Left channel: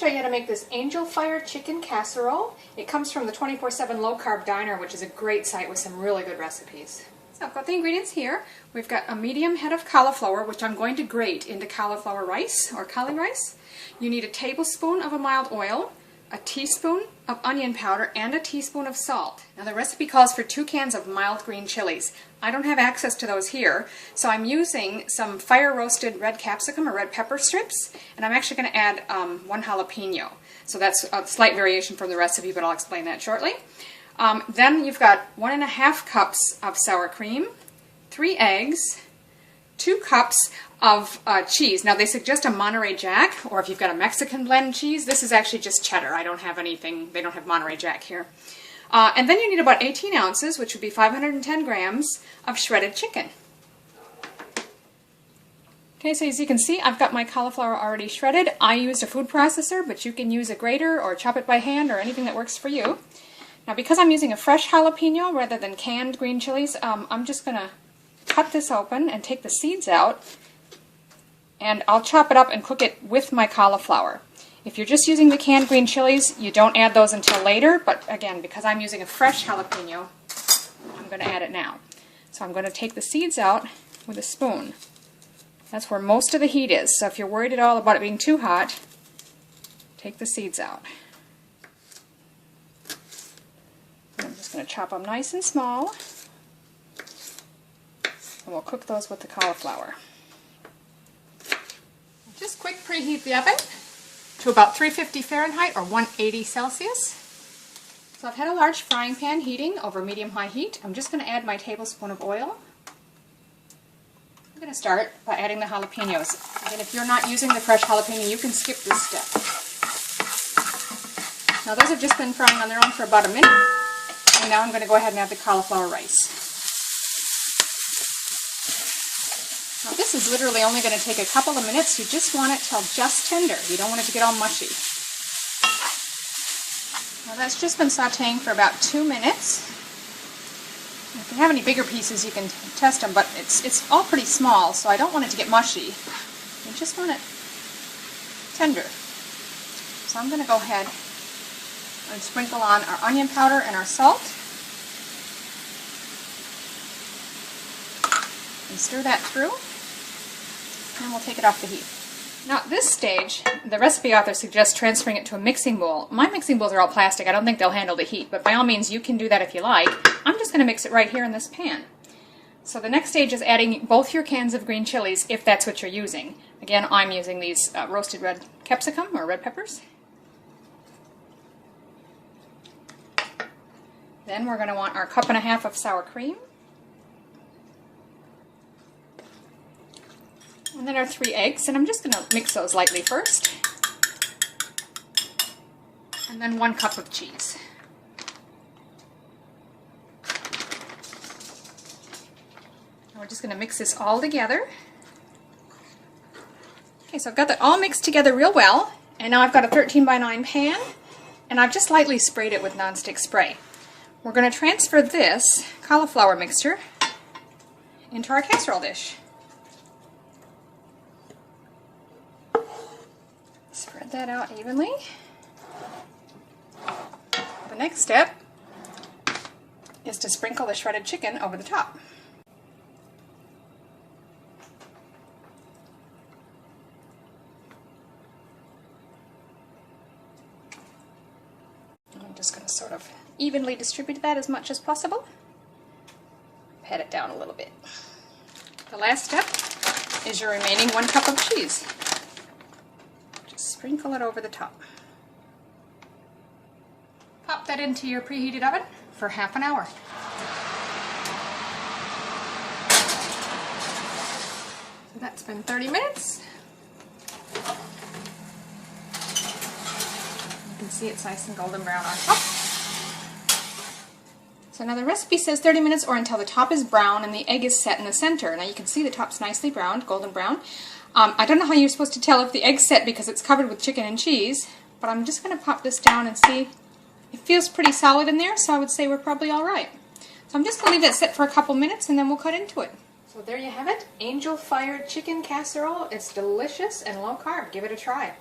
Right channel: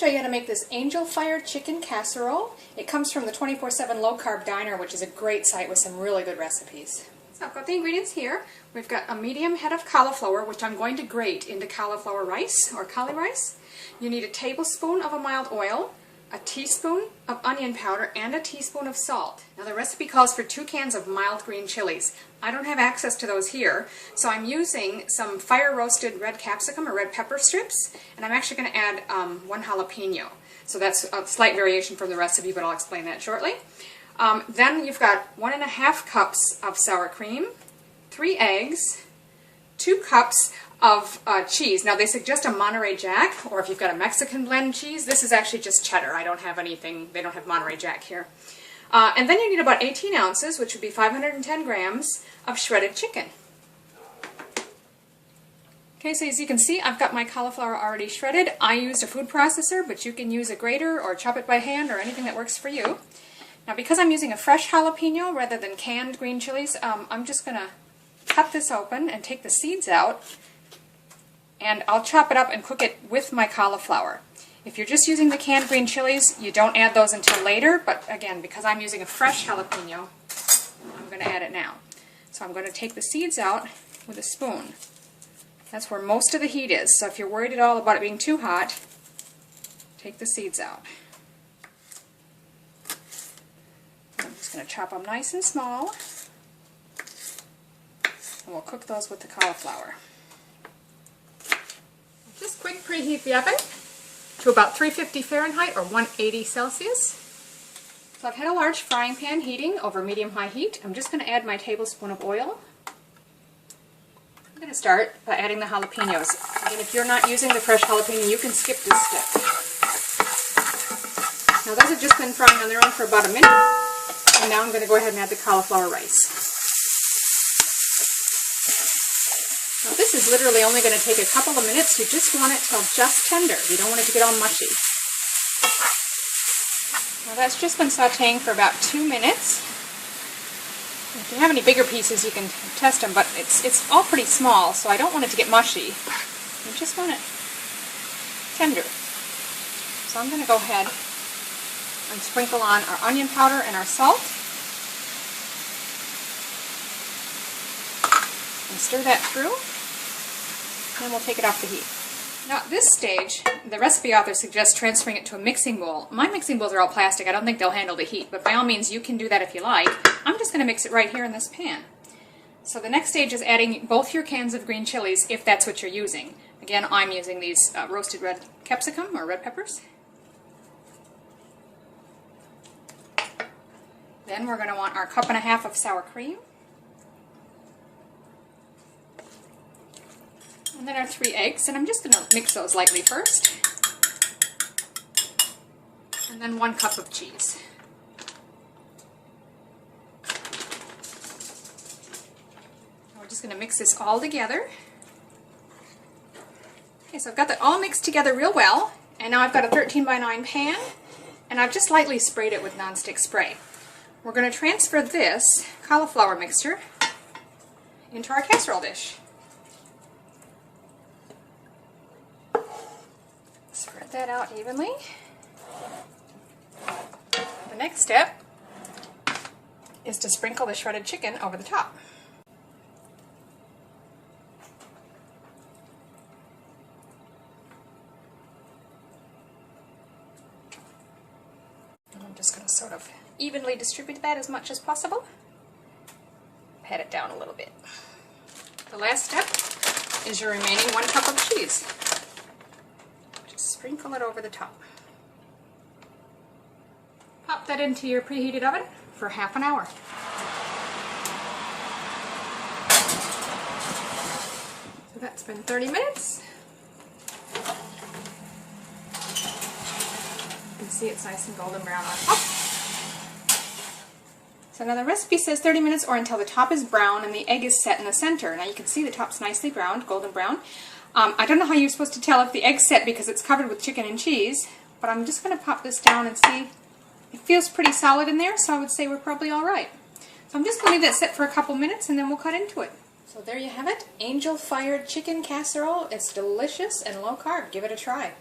show you how to make this angel fire chicken casserole. It comes from the 24/7 Low Carb Diner, which is a great site with some really good recipes. So I've got the ingredients here. We've got a medium head of cauliflower, which I'm going to grate into cauliflower rice or cauli rice. You need a tablespoon of a mild oil, a teaspoon of onion powder, and a teaspoon of salt. Now the recipe calls for 2 cans of mild green chilies. I don't have access to those here, so I'm using some fire roasted red capsicum or red pepper strips, and I'm actually going to add 1 jalapeno. So that's a slight variation from the recipe, but I'll explain that shortly. Then you've got 1½ cups of sour cream, 3 eggs, 2 cups of cheese. Now they suggest a Monterey Jack, or if you've got a Mexican blend cheese. This is actually just cheddar. I don't have anything, they don't have Monterey Jack here. And then you need about 18 ounces, which would be 510 grams, of shredded chicken. Okay, so as you can see, I've got my cauliflower already shredded. I used a food processor, but you can use a grater or chop it by hand or anything that works for you. Now because I'm using a fresh jalapeno rather than canned green chilies, I'm just going to cut this open and take the seeds out, and I'll chop it up and cook it with my cauliflower. If you're just using the canned green chilies, you don't add those until later, but again, because I'm using a fresh jalapeno, I'm going to add it now. So I'm going to take the seeds out with a spoon. That's where most of the heat is, so if you're worried at all about it being too hot, take the seeds out. And I'm just going to chop them nice and small, and we'll cook those with the cauliflower. Just quick preheat the oven to about 350 Fahrenheit or 180 Celsius. So I've had a large frying pan heating over medium-high heat. I'm just going to add my tablespoon of oil. I'm going to start by adding the jalapenos. Again, if you're not using the fresh jalapeno, you can skip this step. Now those have just been frying on their own for about a minute, and now I'm going to go ahead and add the cauliflower rice. Now this is literally only going to take a couple of minutes. You just want it till just tender. You don't want it to get all mushy. Now that's just been sautéing for about 2 minutes. If you have any bigger pieces, you can test them, but it's all pretty small, so I don't want it to get mushy. I just want it tender. So I'm going to go ahead and sprinkle on our onion powder and our salt. And stir that through, and we'll take it off the heat. Now at this stage, the recipe author suggests transferring it to a mixing bowl. My mixing bowls are all plastic. I don't think they'll handle the heat, but by all means you can do that if you like. I'm just going to mix it right here in this pan. So the next stage is adding both your cans of green chilies, if that's what you're using. Again, I'm using these roasted red capsicum or red peppers. Then we're going to want our 1.5 cups of sour cream. And then our 3 eggs, and I'm just going to mix those lightly first. And then 1 cup of cheese. We're just going to mix this all together. Okay, so I've got that all mixed together real well, and now I've got a 13×9 pan, and I've just lightly sprayed it with nonstick spray. We're going to transfer this cauliflower mixture into our casserole dish. Spread that out evenly. The next step is to sprinkle the shredded chicken over the top. And I'm just going to sort of evenly distribute that as much as possible. Pat it down a little bit. The last step is your remaining 1 cup of cheese. Sprinkle it over the top. Pop that into your preheated oven for half an hour. So that's been 30 minutes. You can see it's nice and golden brown on top. So now the recipe says 30 minutes or until the top is brown and the egg is set in the center. Now you can see the top's nicely browned, golden brown. I don't know how you're supposed to tell if the egg's set because it's covered with chicken and cheese, but I'm just going to pop this down and see. It feels pretty solid in there, so I would say we're probably all right. So I'm just going to leave that set for a couple minutes and then we'll cut into it. So there you have it, angel fired chicken casserole. It's delicious and low carb. Give it a try.